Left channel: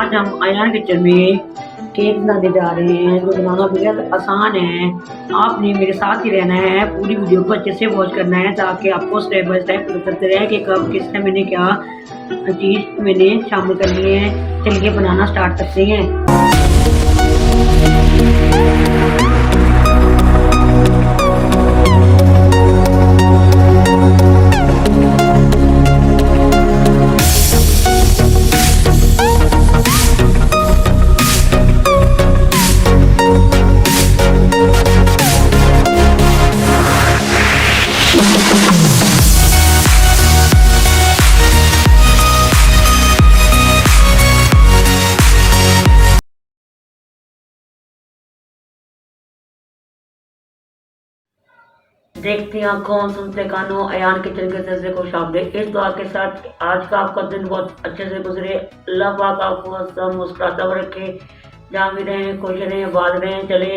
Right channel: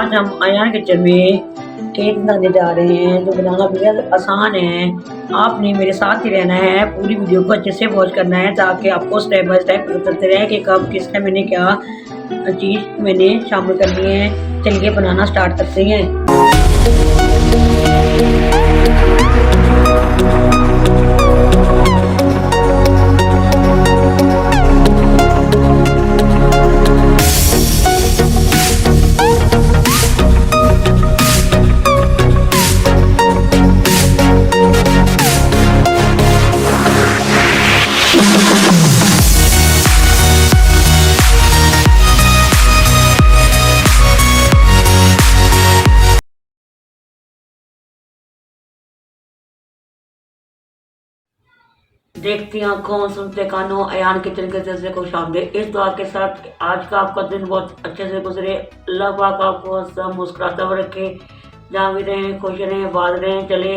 आज हम अयान किचन में केक बनाने जा रहे हैं जो बनाना बेहद आसान है। आपने मेरे साथ ही रहना है, पूरी वीडियो को अच्छे से वॉच करना है ताकि आपको स्टेप बाय स्टेप पता चलते रहे कि कब किस टाइम मैंने क्या चीज़ मैंने शामिल करनी है। चलिए बनाना स्टार्ट करते हैं। देखती आंखों सुनते कानों अयान किचन के जज्बे को शामिल इस दुआ के साथ आज का आपका दिन बहुत अच्छे से गुजरे। अल्लाह पाक आपको सब मुस्कुराता हुआ रखे, जहाँ भी रहें खुश रहें आबाद रहें। चले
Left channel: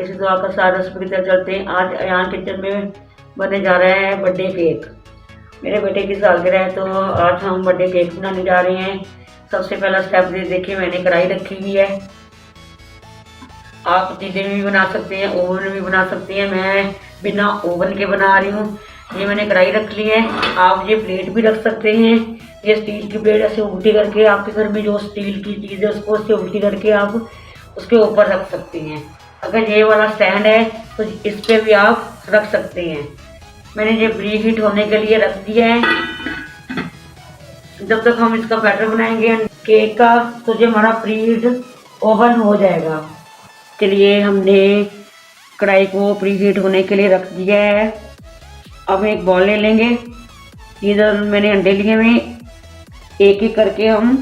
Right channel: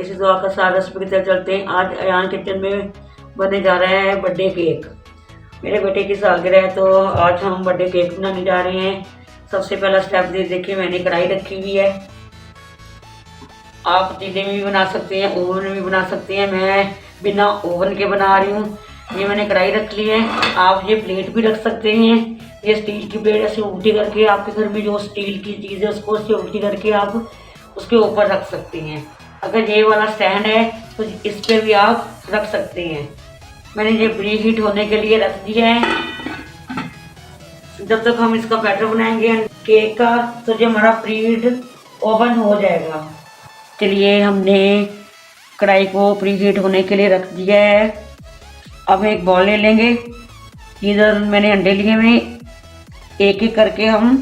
इसी दुआ का सारा रस्म की तरह चलते हैं। आज अयान किचन में बनने जा रहा है बर्थडे केक। मेरे बेटे की सालगिरह है तो आज हम बर्थडे केक बनाने जा रहे हैं। सबसे पहला स्टेप देखिए, मैंने कढ़ाई रखी हुई है। आप चीज़ें में भी बना सकते हैं, ओवन में भी बना सकते हैं। मैं बिना ओवन के बना रही हूँ। ये मैंने कढ़ाई रख ली है। आप ये प्लेट भी रख सकते हैं। ये स्टील की प्लेट ऐसे उल्टी करके, आपके घर में जो स्टील की चीज़ है उसको उससे उल्टी करके आप उसके ऊपर रख सकते हैं। अगर ये वाला स्टैंड है तो इस पर भी आप रख सकते हैं। मैंने ये प्री हीट होने के लिए रख दिया है। जब तक हम इसका बैटर बनाएंगे केक का तो जो हमारा प्री हीट ओवन हो जाएगा। चलिए हमने कढ़ाई को प्री हीट होने के लिए रख दिया है। अब एक बॉल ले लेंगे। इधर मैंने अंडे लिए हुए, एक एक करके हम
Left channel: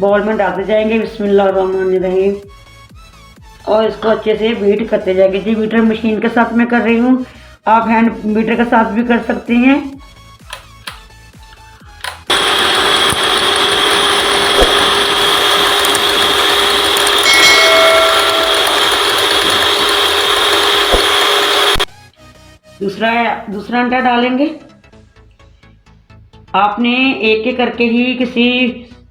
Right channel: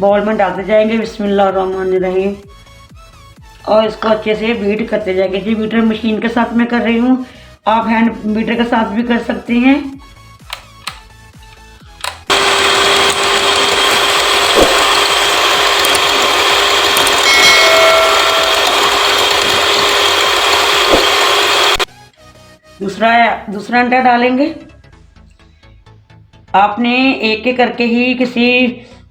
बॉल में डालते जाएंगे। बिस्मिल्लाहिर्रहमानिर्रहीम। और इसको अच्छे से बीट करते जाएंगे। जी बीटर मशीन के साथ मैं कर रही हूँ, आप हैंड बीटर के साथ भी कर सकते हैं। दूसरा अंडा डालेंगे। आपने एक एक करके ही किसी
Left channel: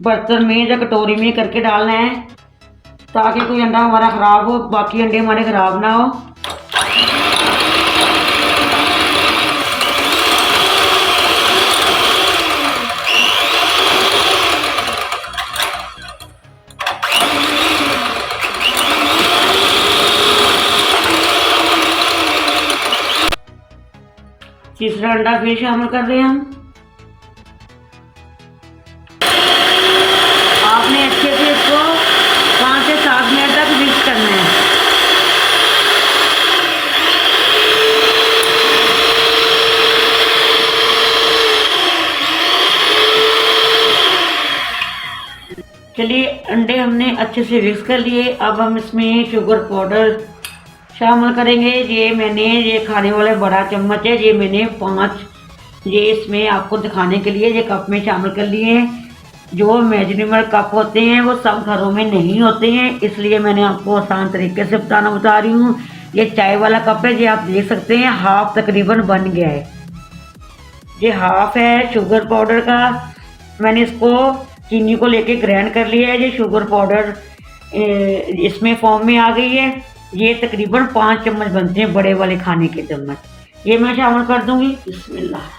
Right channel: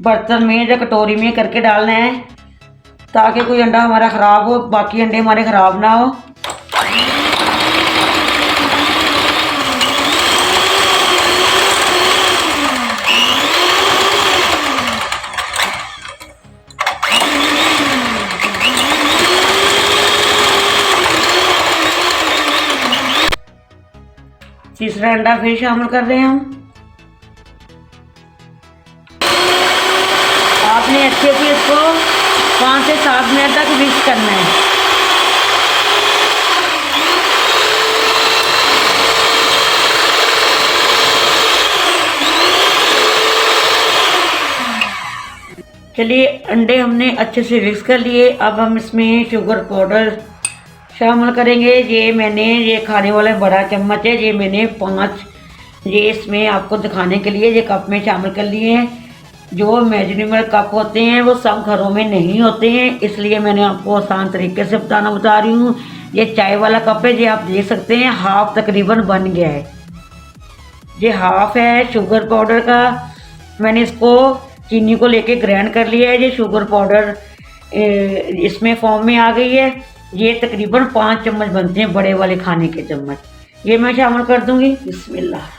बर्तन में या कटोरी में करके डालना है ताकि कोई अंडा हमारा ख़राब हो, बाकी अंडे हमारे ख़राब ना हो। तीसरा अंडा फिर शामिल कर रहे हैं हम। आपने अच्छे से इसको 5 से 7 मिनट तक मिक्स करना है। चलिए अंडे हमने अच्छे से मिक्स कर लिए। अब हम इसमें शुगर पाउडर शामिल करेंगे। ये खाने वाला बड़ा चम्मच है, ये मैंने 5 ये इसमें आपको दिखाने के लिए ये कप में शामिल कर लिए हैं। जो मेजरमेंट कप होते हैं वो सब घरों में नहीं होते हैं, इसलिए मैंने आपको आसान तरीके से बता रही हूँ। ये चाय वाला कप है, ये आप देख सकते हैं हाफ तकरीबन बन गया है। ये हाफ है शुगर पाउडर का। मैंने इसको चीनी को लेके ग्राइंड कर लिया है। ये शुगर पाउडर इसमें फॉर्म में आ गई है। ये तकरीबन 5 चम्मच बनते हैं, बड़े वाले खाने के चम्मच। ये मैं शामिल कर दूंगी। बिस्मिल्लाह।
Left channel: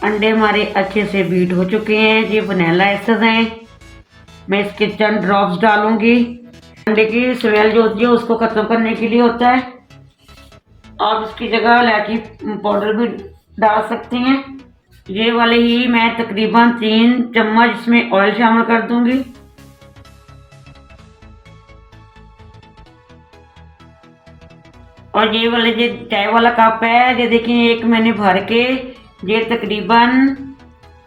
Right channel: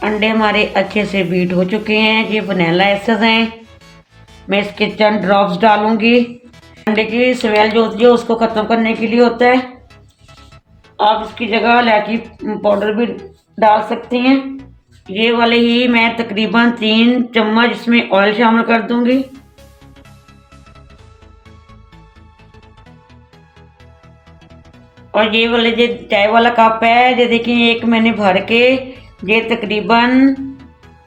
अंडे हमारे अच्छे से बीट हो चुके हैं। ये वनीला एसेंस है। मैं इसके चंद ड्रॉप्स डालूंगी। अंडे की स्मेल जो होती है उसको ख़त्म करने के लिए होता है। आप इसकी जगह इलायची पाउडर भी डाल सकते हैं। ये वाले ही मैं तकरीबन 3 चम्मच इसमें ऑयल शामिल कर दूंगी। और ये वाले जो चाय वाला कप है, ये देखिए एक मैंने भर के ये तकरीबन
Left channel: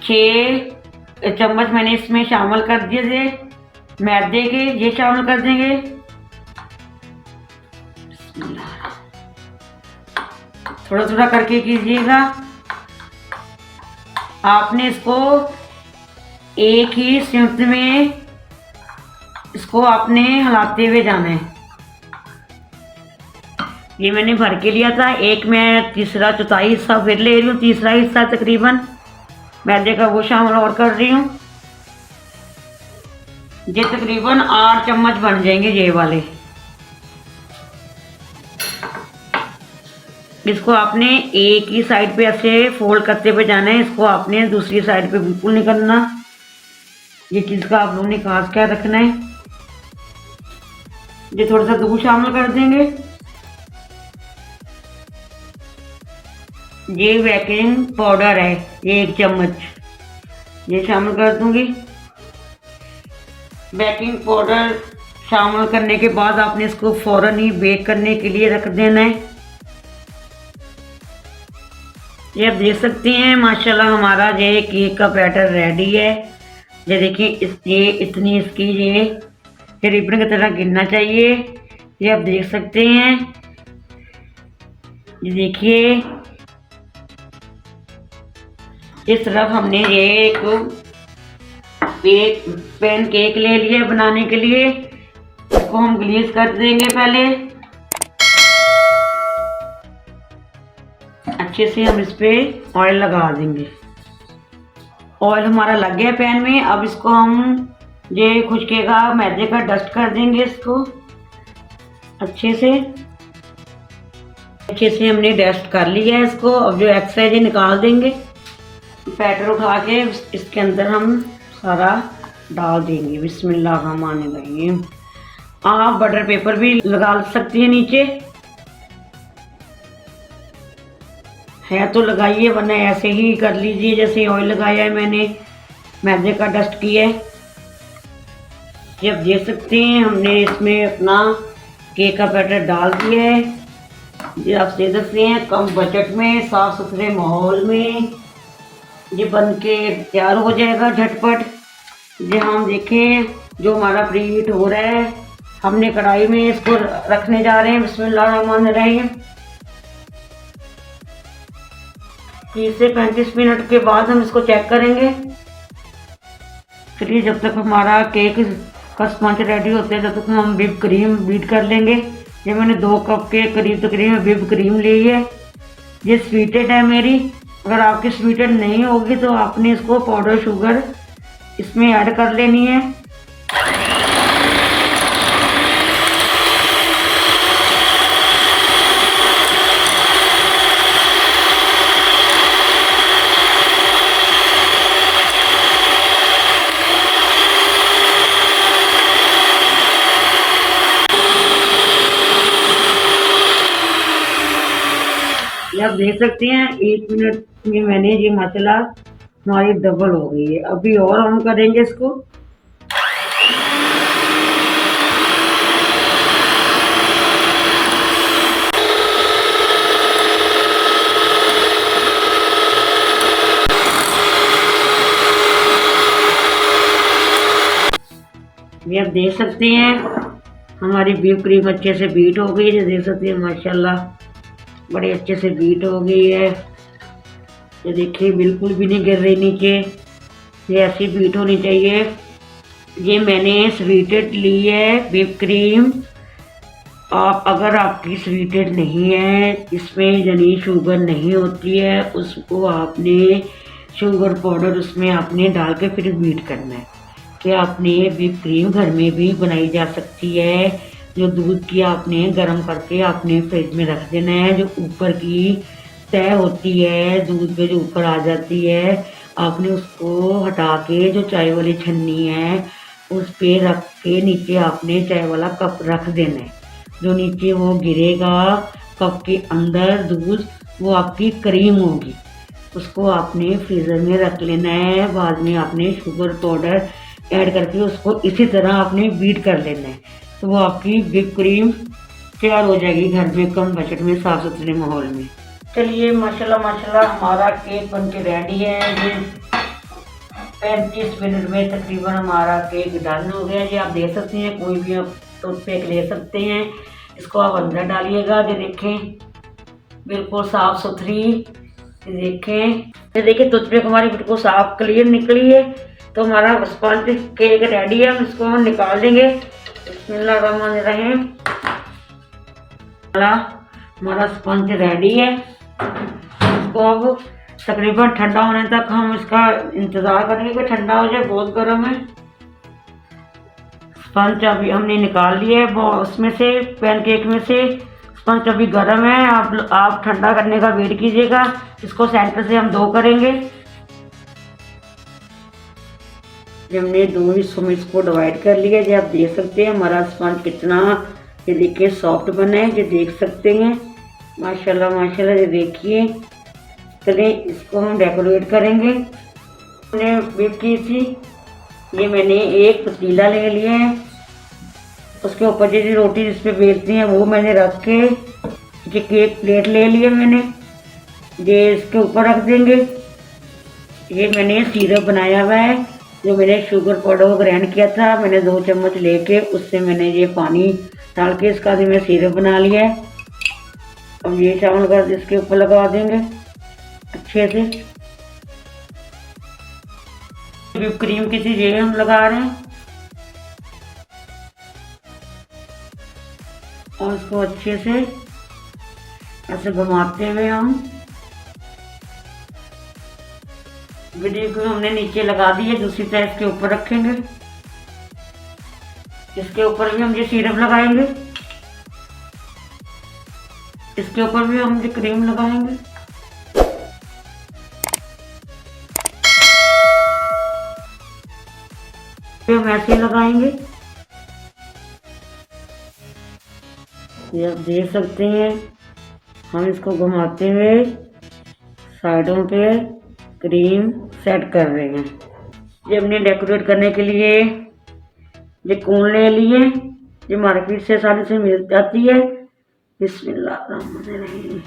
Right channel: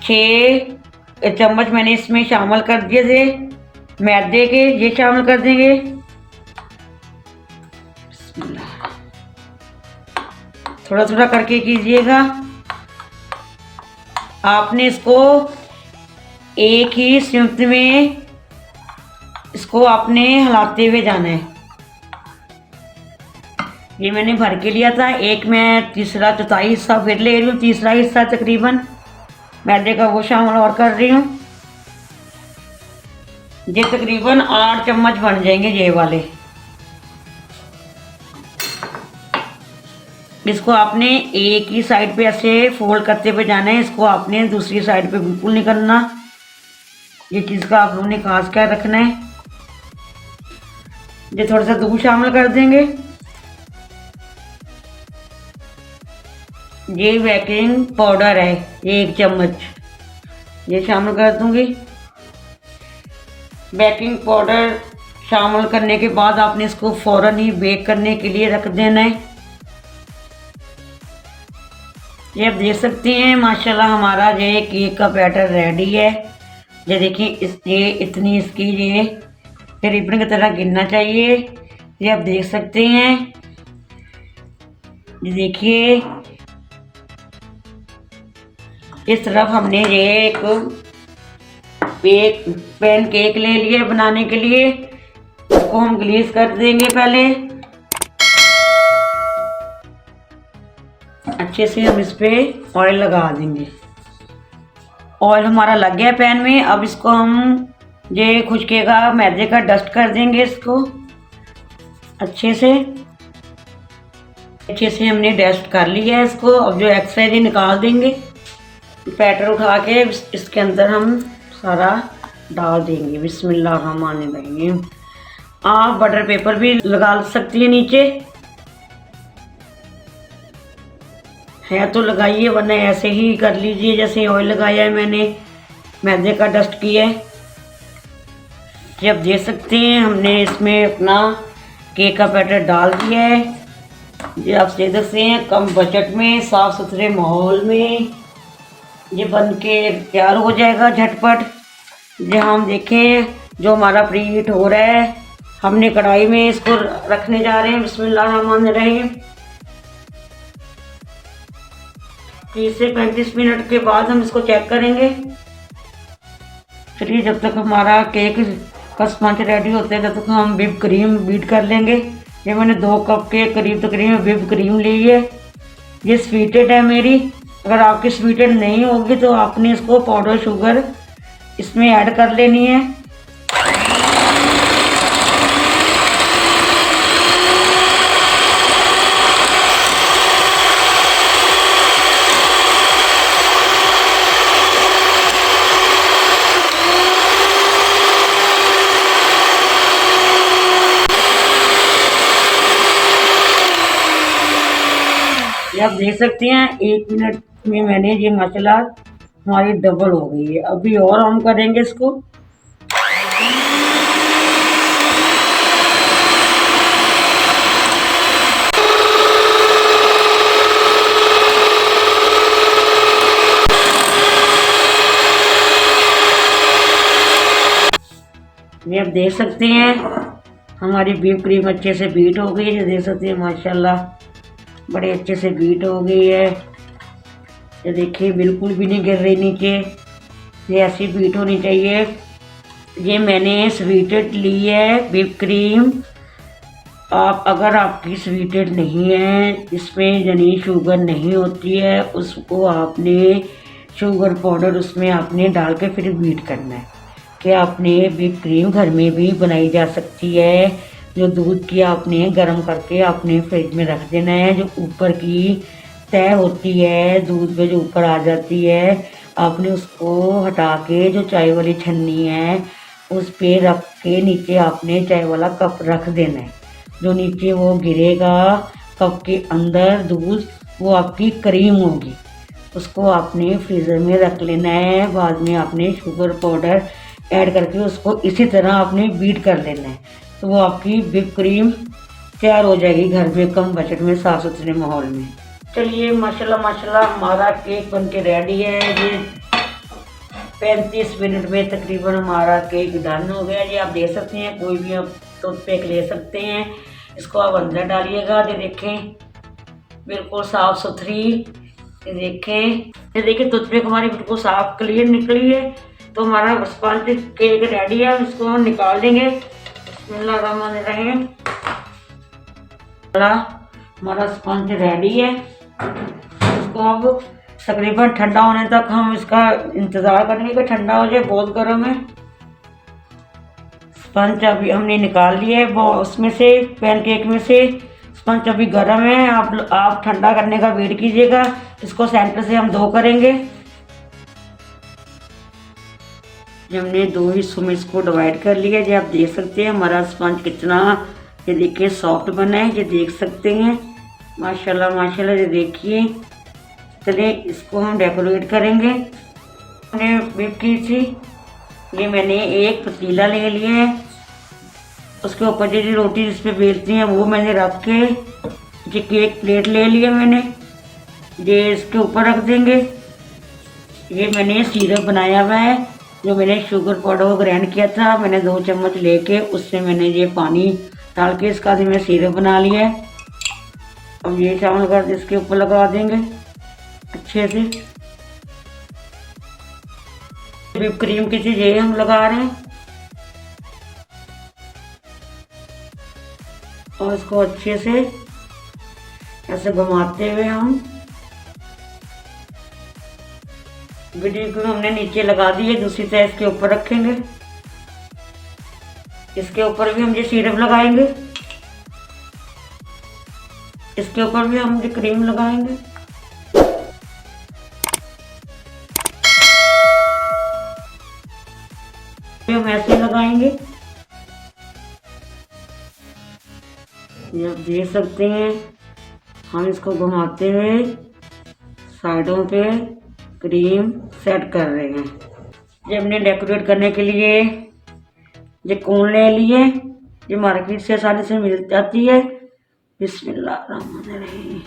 6 चम्मच मैंने इसमें शामिल कर दिए थे मैदे के, ये शामिल कर देंगे। बिस्मिल्लाह। थोड़ा थोड़ा करके कीजिएगा। आपने इसको एक ही सिमट में इसको आपने हिलाते हुए जाना है। ये मैंने भर के लिया था। एक मैं तीसरा चौथाई हिस्सा फिर ले रही हूँ, तीसरा हिस्सा तकरीबन मैदे का वो शामिल और कर रही हूँ। ये तकरीबन 8 चम्मच बन जाएंगे ये वाले। इसको आपने एक ही साइड पे ऐसे फोल्ड करते हुए जाना है। इसको आपने दूसरी साइड पे बिल्कुल नहीं करना। ये चीज़ का आप लोगों ने खास ख्याल रखना है। ये थोड़ा सा दूध शामिल कर देंगे। ये बेकिंग पाउडर है, ये 1 चम्मच ये शामिल कर दूंगी। बेकिंग पाउडर शामिल करने के बाद आपने इसको फ़ौरन ही बेक करने के लिए रख देना है। ये आप देख सकते हैं माशाल्लाह हमारा ये केक का बैटर रेडी है। ये देखिए ये इतनी इसकी ये रिबन की तरह गिरना चाहिए। ये आप देख सकते हैं। ये देखिए इस तरफ हमने ये एक पैन केक ले लिया बनाने के लिए। इसको हम ग्रीस कर देंगे पहले अच्छे से। हम इस पे ऑयल लगा देंगे। ऑयल हमारा लग गया पैन में। अब इसको हम ये खुशकेगा मैदे का डस्ट कर देंगे। इसको अच्छे से हमने डस्ट कर लिया है इसको। अब जो एक्स्ट्रा है निकाल देंगे। बैटर उठा के इसके अंदर हम सारा डाल देंगे। बिस्मिल्लाहिर्रहमानिर्रहीम। आप बटर पेपर भी लगा सकती हैं नीचे, है तो लगाइए, वरना ऐसे ही कर लीजिए जैसे ऑयल लगाया है मैंने, मैदे का डस्ट किया है। ये आप देख सकते हैं हमने इसमें अपना केक का बैटर डाल दिया है। ये आप देख सकते हैं कम बजट में साफ़ सुथरे माहौल में ये बन के तैयार हो जाएगा झटपट। ये हम देखें जो हमारा प्री हीट हो रहा है, हमने कढ़ाई में इसको रखने जा रहे हैं। बिस्मिल्लाहिर्रहमानिर्रहीम। 30 से 35 मिनट के बाद हम इसको चेक करेंगे। चलिए जब तक हमारा केक का स्पंज रेडी होता है तब तक हम व्हिप क्रीम बीट कर लेंगे। ये मैंने 2 कप के करीब तकरीबन व्हिप क्रीम ली है। ये स्वीटेड है मेरी। अगर आपकी स्वीटेड नहीं होगी तो आपने इसको पाउडर शुगर इसमें ऐड कर लेनी है। आप देख सकते हैं 1 मिनट में मैंने ये मसाला हमारी डबल हो गई है। अभी और हम करेंगे इसको। ये आप देख सकते हैं हमारी व्हिप क्रीम अच्छे से बीट हो गई है। देख सकते हैं माशाल्लाह बड़े अच्छे से बीट हो गई है। ये देखिए बिल्कुल भी नहीं गिर रही नीचे। ये ऐसी बीट होनी चाहिए। ये मैंने स्वीटेड ली है व्हिप क्रीम। आप अगर आपकी स्वीटेड नहीं है, इसमें यानी शुगर नहीं होती है, उसको आपने शुगर पाउडर उसमें आपने डाल के फिर बीट करना है। कि आपने व्हिप क्रीम घर में भी बनाई जा सकती है। जो दूध की आपने गर्म करके आपने फ्रिज में रख देना है। जो ऊपर की तय होती है दूध पे जो ऊपर आ जाती है, आपने उसको हटा के जो चाय वाली छन्नी है उस पे रख के नीचे आपने चाय वाला कप रख देना है। जो नीचे वो गिरेगा कप के अंदर दूध, वो आपकी क्रीम होगी। उसको आपने फ्रीज़र में रख लेना है। बाद में आपने शुगर पाउडर ऐड करके उसको इसी तरह आपने बीट कर लेना है। तो वो आपकी व्हिप क्रीम तैयार हो जाएगी घर में कम बजट में साफ़ सुथरे माहौल में। चलिए माशाल्लाह हमारा केक बन के रेडी है। ये 35 मिनट में तकरीबन हमारा केक डन हो गया। जी आप दे सकते हैं, कोई भी आप टूथपिक ले सकते हैं, इसको आप अंदर डालिएगा। ये देखें बिल्कुल साफ़ सुथरी, ये देखें, ये देखिए टूथपिक हमारी बिल्कुल साफ़ क्लियर निकली है। तो हमारा स्पंज केक रेडी है, हम इसको निकाल देंगे। बिस्मिल्लाहिर्रहमानिर्रहीम। हमारा स्पंज रेडी है। इसको अब तकरीबन ठंडा होने तक हम इसका इंतज़ार करेंगे कि ठंडा हो जाए, बहुत गर्म है। स्पंज अभी हमने निकाल लिया है उसमें से, पैनकेक में से। स्पंज अभी गर्म है, आप ठंडा करने का वेट कीजिएगा। इसको सेंटर से हम 2 करेंगे। हमने 2 हिस्सों में इसको डिवाइड कर लिया। ये आप देख सकते हैं हमारा स्पंज कितना, ये देखिए सॉफ्ट बना है, ये देख सकते हैं माशाल्लाह माशाल्लाह। ये देखिए, चलिए इसको हम डेकोरेट करेंगे। हमने व्हिप की थी, ये मैंने एक पतीला ले लिया है, उसके ऊपर जो रोटी जिस पे बेलती हैं वो मैंने रख के, ये केक प्लेट ले लिया मैंने, ये इसके ऊपर रख देंगे। ये मैंने सिरप बनाया हुआ है, जो मैंने शुगर पाउडर को ग्राइंड किया था, मैंने 2 चम्मच लेके उससे मैंने ये पानी डाल के इसका भी मैं सिरप बना लिया है। अब ये शामिल कर इसके ऊपर लगा देंगे अच्छे से। व्हिप क्रीम की चीज ये हम लगा रहे हैं और इसको अच्छे से ऐसे घुमाते हुए हम वीडियो को हमने नीचे लगा दी है, दूसरी तरह इसके ऊपर रखेंगे। इसके ऊपर भी हम ये सिरप लगाएंगे, इसके ऊपर भी हम ये क्रीम लगाएंगे। हम ऐसे लगाएंगे, ये आप देख सकते हैं। हम इसको घुमाते हुए साइडों पे क्रीम सेट कर रहे हैं। ये हमने डेकोरेट करने के लिए ये कोन ले लिए, ये मार्केट से आसानी से मिल जाती है। बिस्मिल्लाहिर्रहमानिर्रहीम।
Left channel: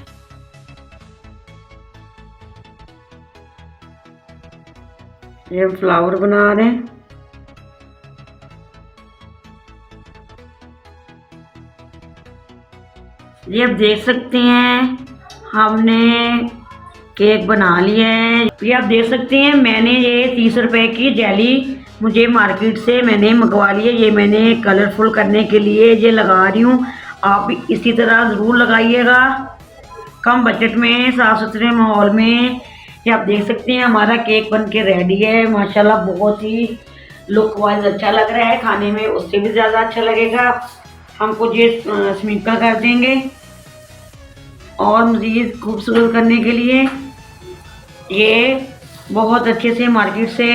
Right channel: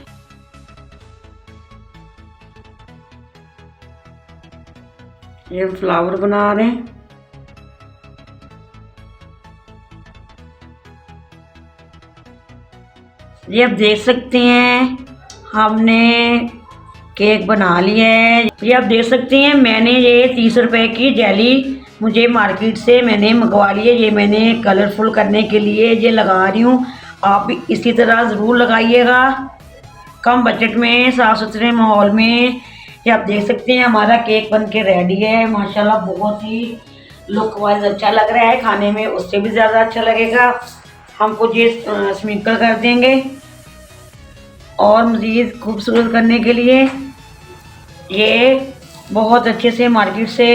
ये हम फ्लावर बना रहे हैं। ये आप देख सकते हैं हमने केक बना लिया है। ये आप देख सकते हैं मैंने ये 30 रुपए की जेली मुझे मार्केट से मैंने मंगवा ली है। ये मैंने कलरफुल करने के लिए ये लगा रही हूँ। आप भी इसी तरह ज़रूर लगाइएगा, कम बजट में, साफ़ सुथरे माहौल में। ये आप देख सकते हैं हमारा केक बन के रेडी है माशाल्लाह। बहुत ही लुक वाइज अच्छा लग रहा है, खाने में उससे भी ज़्यादा अच्छा लगेगा। हमको ये स्प्रिंकल कर देंगे और मज़ीद खूबसूरत करने के लिए ये बहुत अच्छे से मार्केट से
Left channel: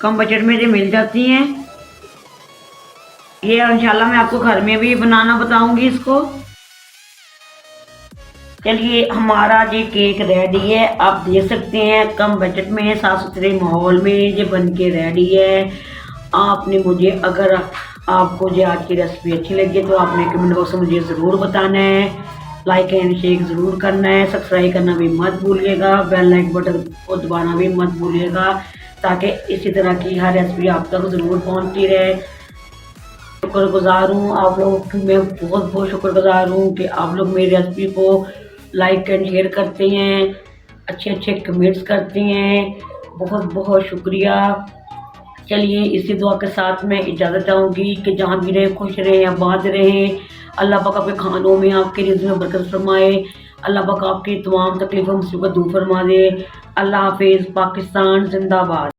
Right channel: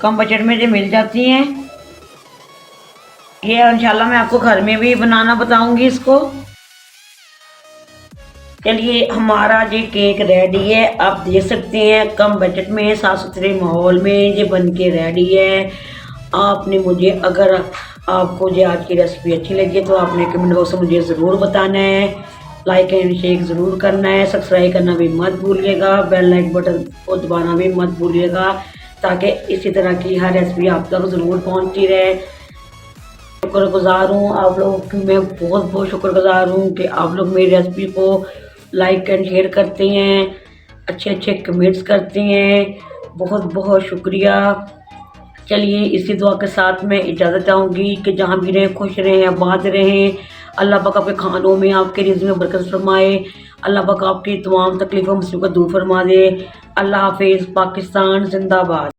कम बजट में जो मिल जाती हैं। ये इंशाल्लाह मैं आपको घर में भी बनाना बताऊंगी इसको। चलिए हमारा ये केक रेडी है, आप देख सकते हैं कम बजट में, साफ़ सुथरे माहौल में ये बन के रेडी है। आपने मुझे, अगर आपको जो आज की रेसिपी अच्छी लगी तो आपने कमेंट बॉक्स में मुझे ज़रूर बताना है। लाइक एंड शेयर ज़रूर करना है, सब्सक्राइब करना भी मत भूलिएगा, बेल लाइक बटन को दबाना भी मत भूलिएगा, ताकि इसी तरह की हर रेसिपी आप तक ज़रूर पहुंचती रहे। शुक्रगुजार हूँ आप लोगों की, मैं बहुत बहुत शुक्रगुजार हूँ कि आप लोग मेरी रेसिपी को लाइक एंड शेयर करते हैं, अच्छे अच्छे कमेंट्स करते हैं। बहुत बहुत शुक्रिया। चलिए इसी दुआ के साथ मैं इजाज़त चाहूँगी कि जहाँ भी रहें खुश रहें, आबाद रहें। अल्लाह पाक आपके खानों में, आपके रिज़्क़ में बरकत फरमाए। अल्लाह पाक आपकी तमाम तकलीफ़ों मुसीबत दूर फरमा दे। अल्लाह हाफिज़। पाकिस्तान जिंदाबाद।